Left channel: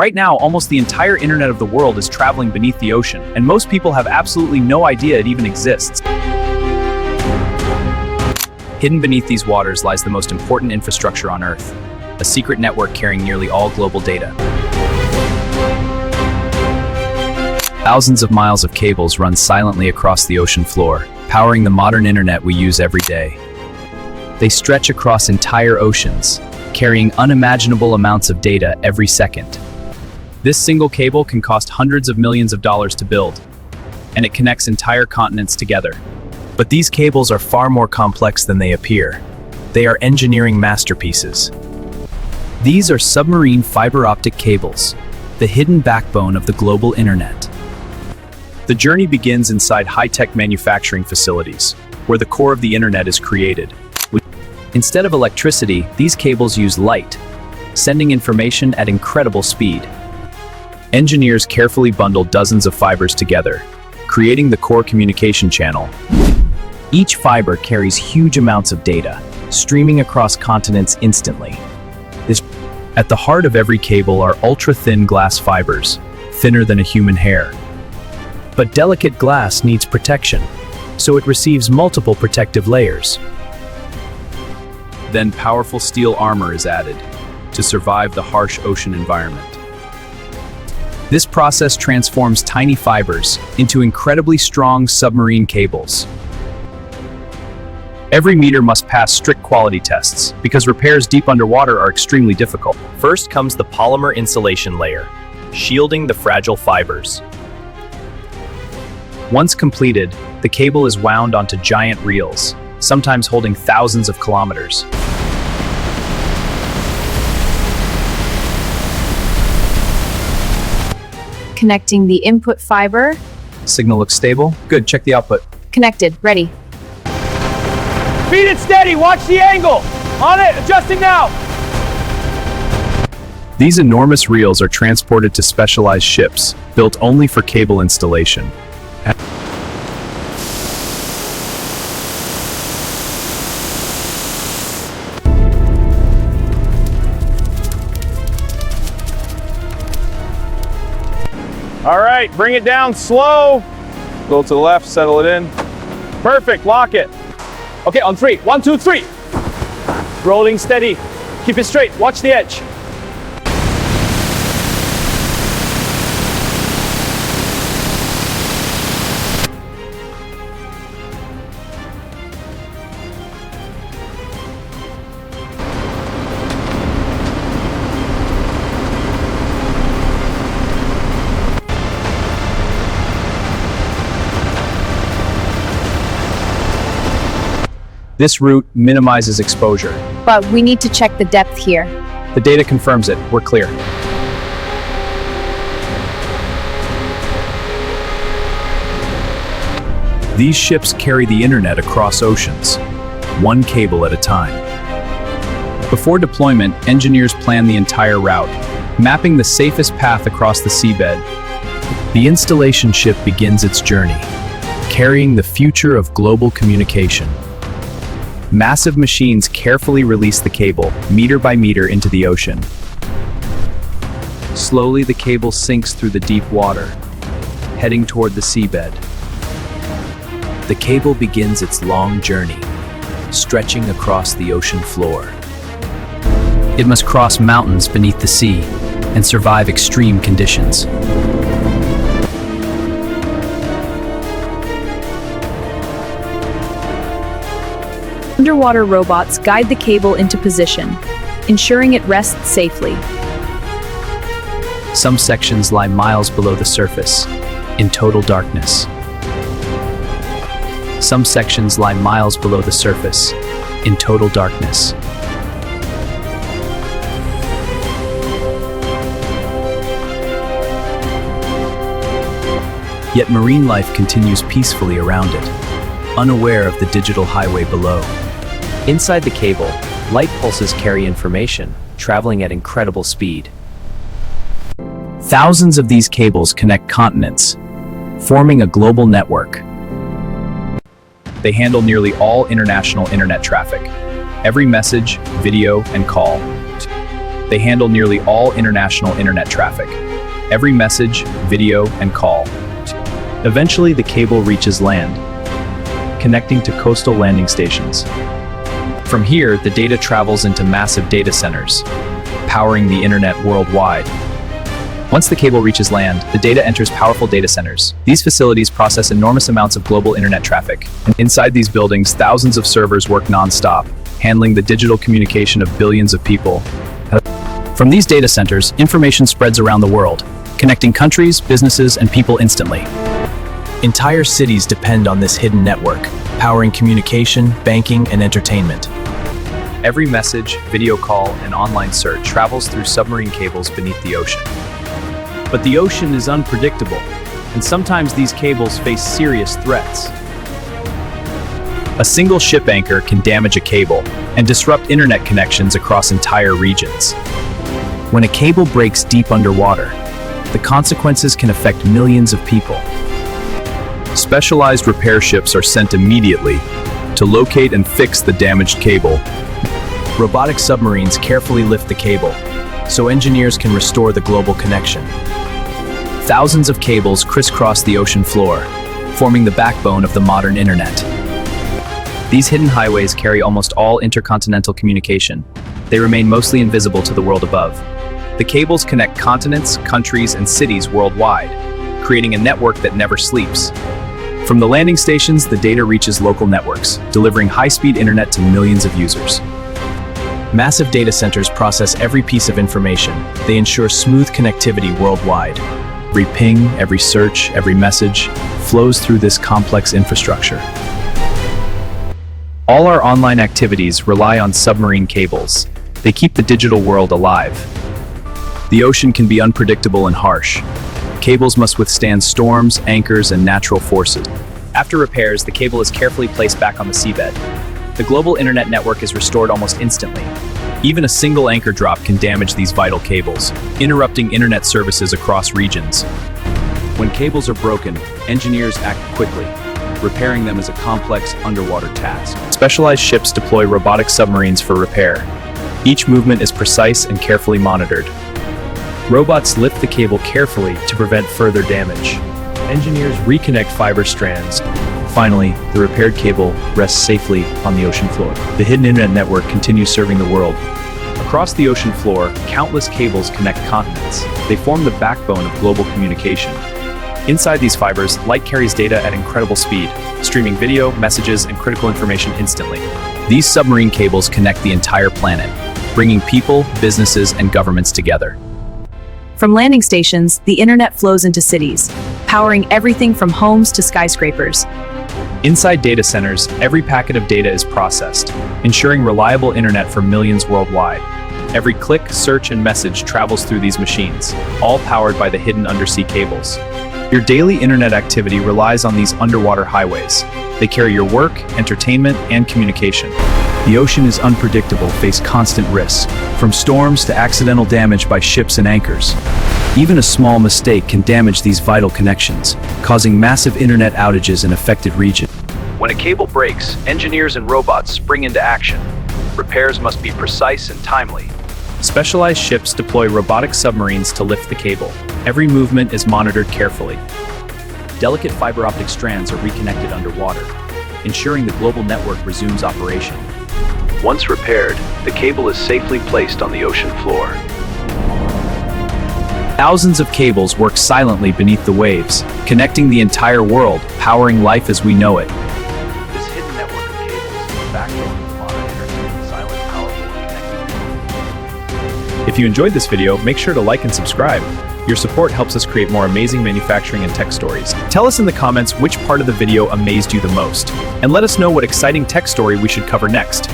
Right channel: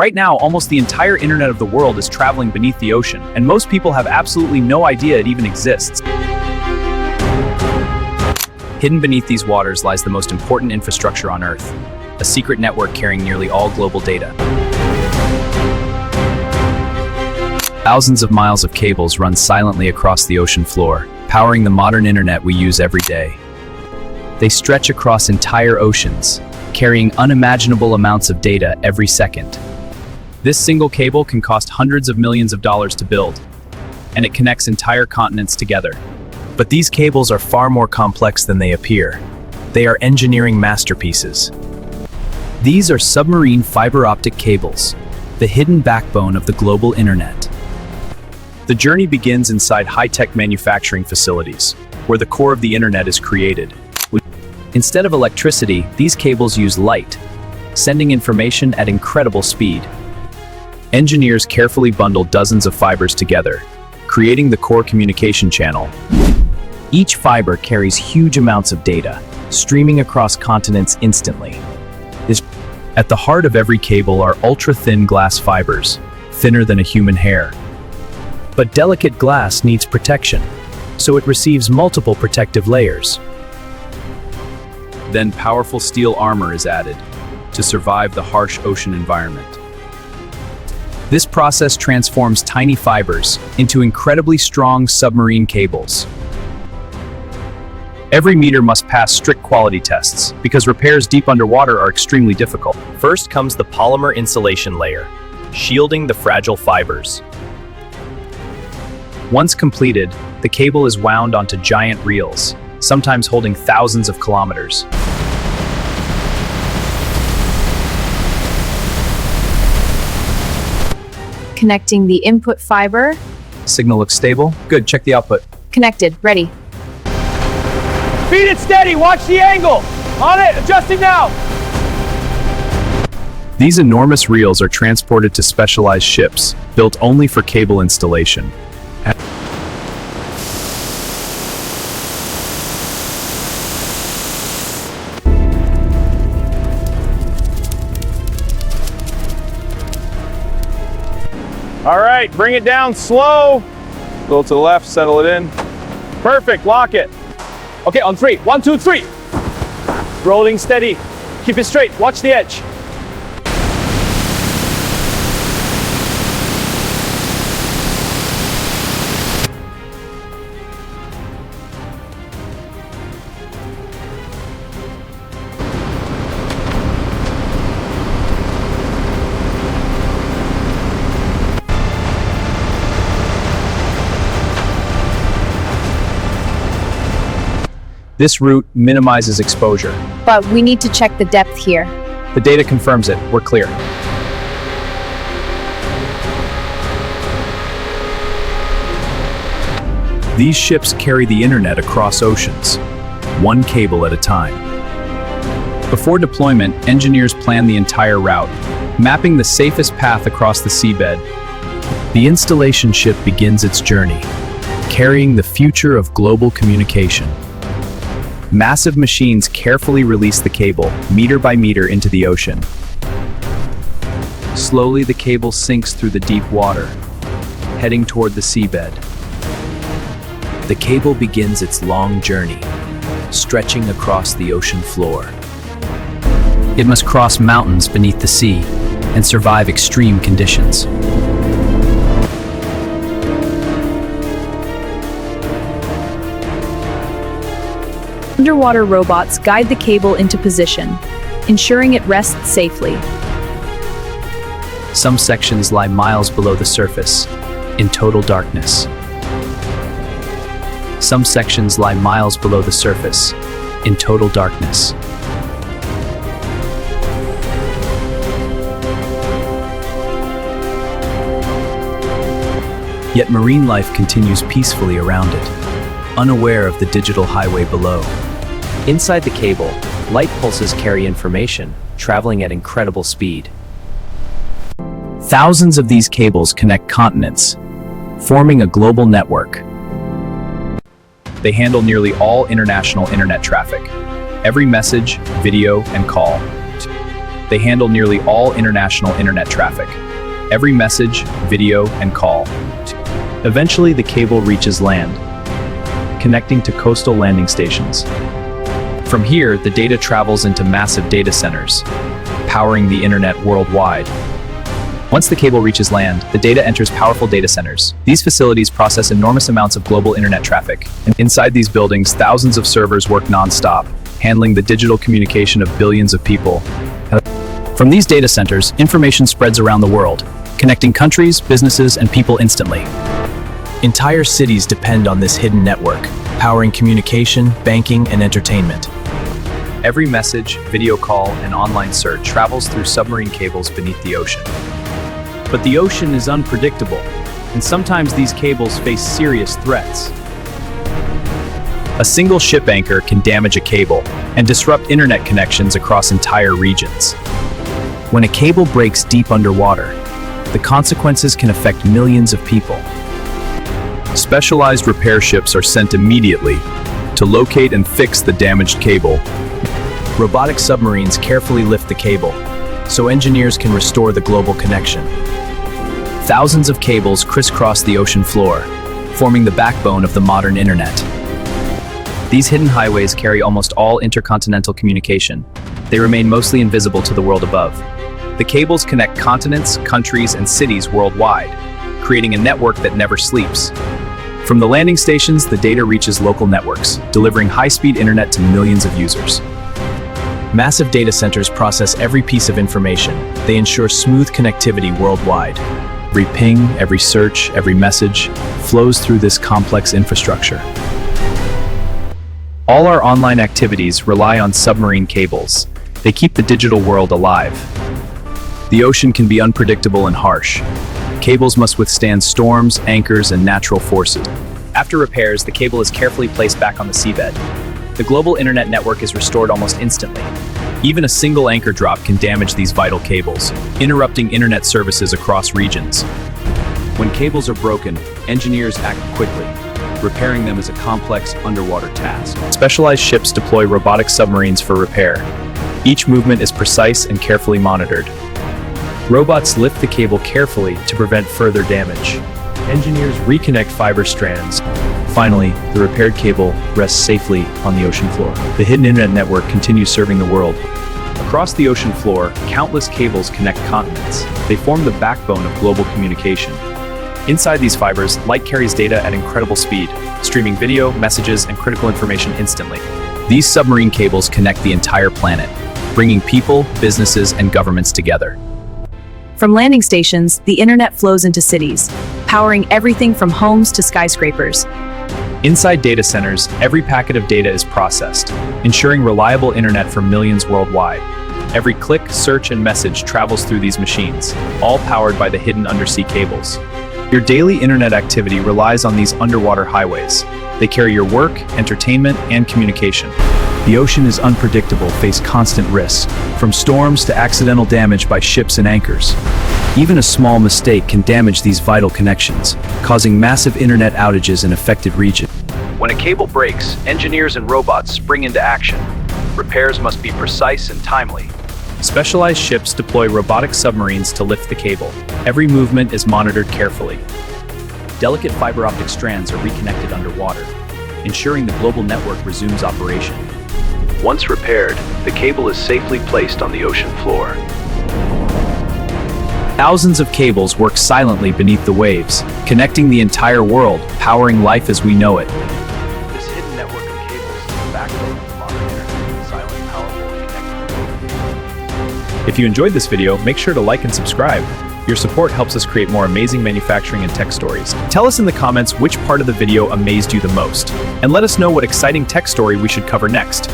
Right now, almost the entire internet of the world is traveling beneath the ocean, and most people have absolutely no idea it even exists. Hidden beneath these waters lies the most important infrastructure on Earth, a secret network carrying nearly all global data. Thousands of miles of cables run silently across the ocean floor, powering the modern internet we use every day. They stretch across entire oceans, carrying unimaginable amounts of data every second. This single cable can cost hundreds of millions of dollars to build, and it connects entire continents together. But these cables are far more complex than they appear. They are engineering masterpieces. These are submarine fiber optic cables, the hidden backbone of the global internet. The journey begins inside high-tech manufacturing facilities, where the core of the internet is created. Instead of electricity, these cables use light, sending information at incredible speed. Engineers carefully bundle dozens of fibers together, creating the core communication channel. Each fiber carries huge amounts of data, streaming across continents instantly. At the heart of every cable are ultra-thin glass fibers, thinner than a human hair. But delicate glass needs protection, so it receives multiple protective layers. Then powerful steel armor is added to survive the harsh ocean environment. This process transforms tiny fibers into incredibly strong submarine cables. Every meter must pass strict quality tests because repairs deep underwater are extremely difficult. First comes the polymer insulation layer, shielding the fragile fibers. Once completed, the cable is wound onto giant reels, sometimes holding thousands of kilometers. Connecting the input fiber. Signal looks stable. Good, check the output. Connected, ready. Feed it steady, watch the angle. On it, adjusting now. These enormous reels are transported to specialized ships, built only for cable installation. All right, bring it down slow. Go to the left, settle it in. Perfect, lock it. Okay, on three. 1, 2, 3. Rolling steady. Keep it straight, watch the edge. This route minimizes exposure. But we need to check the depth here. The data confirms it. We're clear. These ships carry the internet across oceans, one cable at a time. Before deployment, engineers plan the entire route, mapping the safest path across the seabed. The installation ship begins its journey, carrying the future of global communication. Massive machines carefully release the cable, meter by meter, into the ocean. Slowly, the cable sinks through the deep water, heading toward the seabed. The cable begins its long journey, stretching across the ocean floor. It must cross mountains beneath the sea and survive extreme conditions. Underwater robots guide the cable into position, ensuring it rests safely. Some sections lie miles below the surface, in total darkness. Some sections lie miles below the surface, in total darkness. Yet marine life continues peacefully around it, unaware of the digital highway below. Inside the cable, light pulses carry information, traveling at incredible speed. Thousands of these cables connect continents, forming a global network. They handle nearly all international internet traffic, every message, video, and call. They handle nearly all international internet traffic. Every message, video, and call. Eventually, the cable reaches land, connecting to coastal landing stations. From here, the data travels into massive data centers, powering the internet worldwide. Once the cable reaches land, the data enters powerful data centers. These facilities process enormous amounts of global internet traffic. And inside these buildings, thousands of servers work non-stop, handling the digital communication of billions of people. From these data centers, information spreads around the world, connecting countries, businesses, and people instantly. Entire cities depend on this hidden network, powering communication, banking, and entertainment. Every message, video call, and online search travels through submarine cables beneath the ocean. But the ocean is unpredictable, and sometimes these cables face serious threats. A single ship anchor can damage a cable and disrupt internet connections across entire regions. When a cable breaks deep underwater, the consequences can affect millions of people. Specialized repair ships are sent immediately to locate and fix the damaged cable. Robotic submarines carefully lift the cable, so engineers can restore the global connection. Thousands of cables crisscross the ocean floor, forming the backbone of the modern internet. These hidden highways carry almost all intercontinental communication. They remain mostly invisible to the world above. The cables connect continents, countries, and cities worldwide, creating a network that never sleeps. From the landing stations, the data reaches local networks, delivering high-speed internet to millions of users. Massive data centers process every piece of information. They ensure smooth connectivity worldwide. Every ping, every search, every message flows through this complex infrastructure. All our online activities rely on submarine cables. They keep the digital world alive. The ocean can be unpredictable and harsh. Cables must withstand storms, anchors, and natural forces. After repairs, the cable is carefully placed back on the seabed. The global internet network is restored almost instantly. Even a single anchor drop can damage these vital cables, interrupting internet services across regions. When cables are broken, engineers act quickly. Repairing them is a complex underwater task. Specialized ships deploy robotic submarines for repair. Each movement is precise and carefully monitored. Robots lift the cable carefully to prevent further damage. Engineers reconnect fiber strands. Finally, the repaired cable rests safely on the ocean floor. The hidden internet network continues serving the world. Across the ocean floor, countless cables connect continents. They form the backbone of global communication. Inside these fibers, light carries data at incredible speed, streaming video, messages, and critical information instantly. These submarine cables connect the entire planet, bringing people, businesses, and governments together. From landing stations, the internet flows into cities, powering everything from homes to skyscrapers. Inside data centers, every packet of data is processed, ensuring reliable internet for millions worldwide. Every click, search, and message travels through these machines, all powered by the hidden undersea cables. Your daily internet activity relies on these underwater highways. They carry your work, entertainment, and communication. The ocean is unpredictable, face constant risks, from storms to accidental damage by ships and anchors. Even a small mistake can damage these vital connections, causing massive internet outages in affected regions. When a cable breaks, engineers and robots spring into action. Repairs must be precise and timely. Specialized ships deploy robotic submarines to lift the cable. Every movement is monitored carefully. Delicate fiber optic strands are reconnected underwater, ensuring the global network resumes operation. Once repaired, the cable is safely placed on the ocean floor. Thousands of cables work silently beneath the waves, connecting the entire world, powering life as we know it. This hidden network of cables is the backbone of the modern internet, silent, powerful, and connecting the world. If you enjoyed this video, make sure to like and subscribe. Your support helps us create more amazing manufacturing and tech stories. Tell us in the comments which part of the video amazed you the most, and let us know what exciting tech story we should cover next.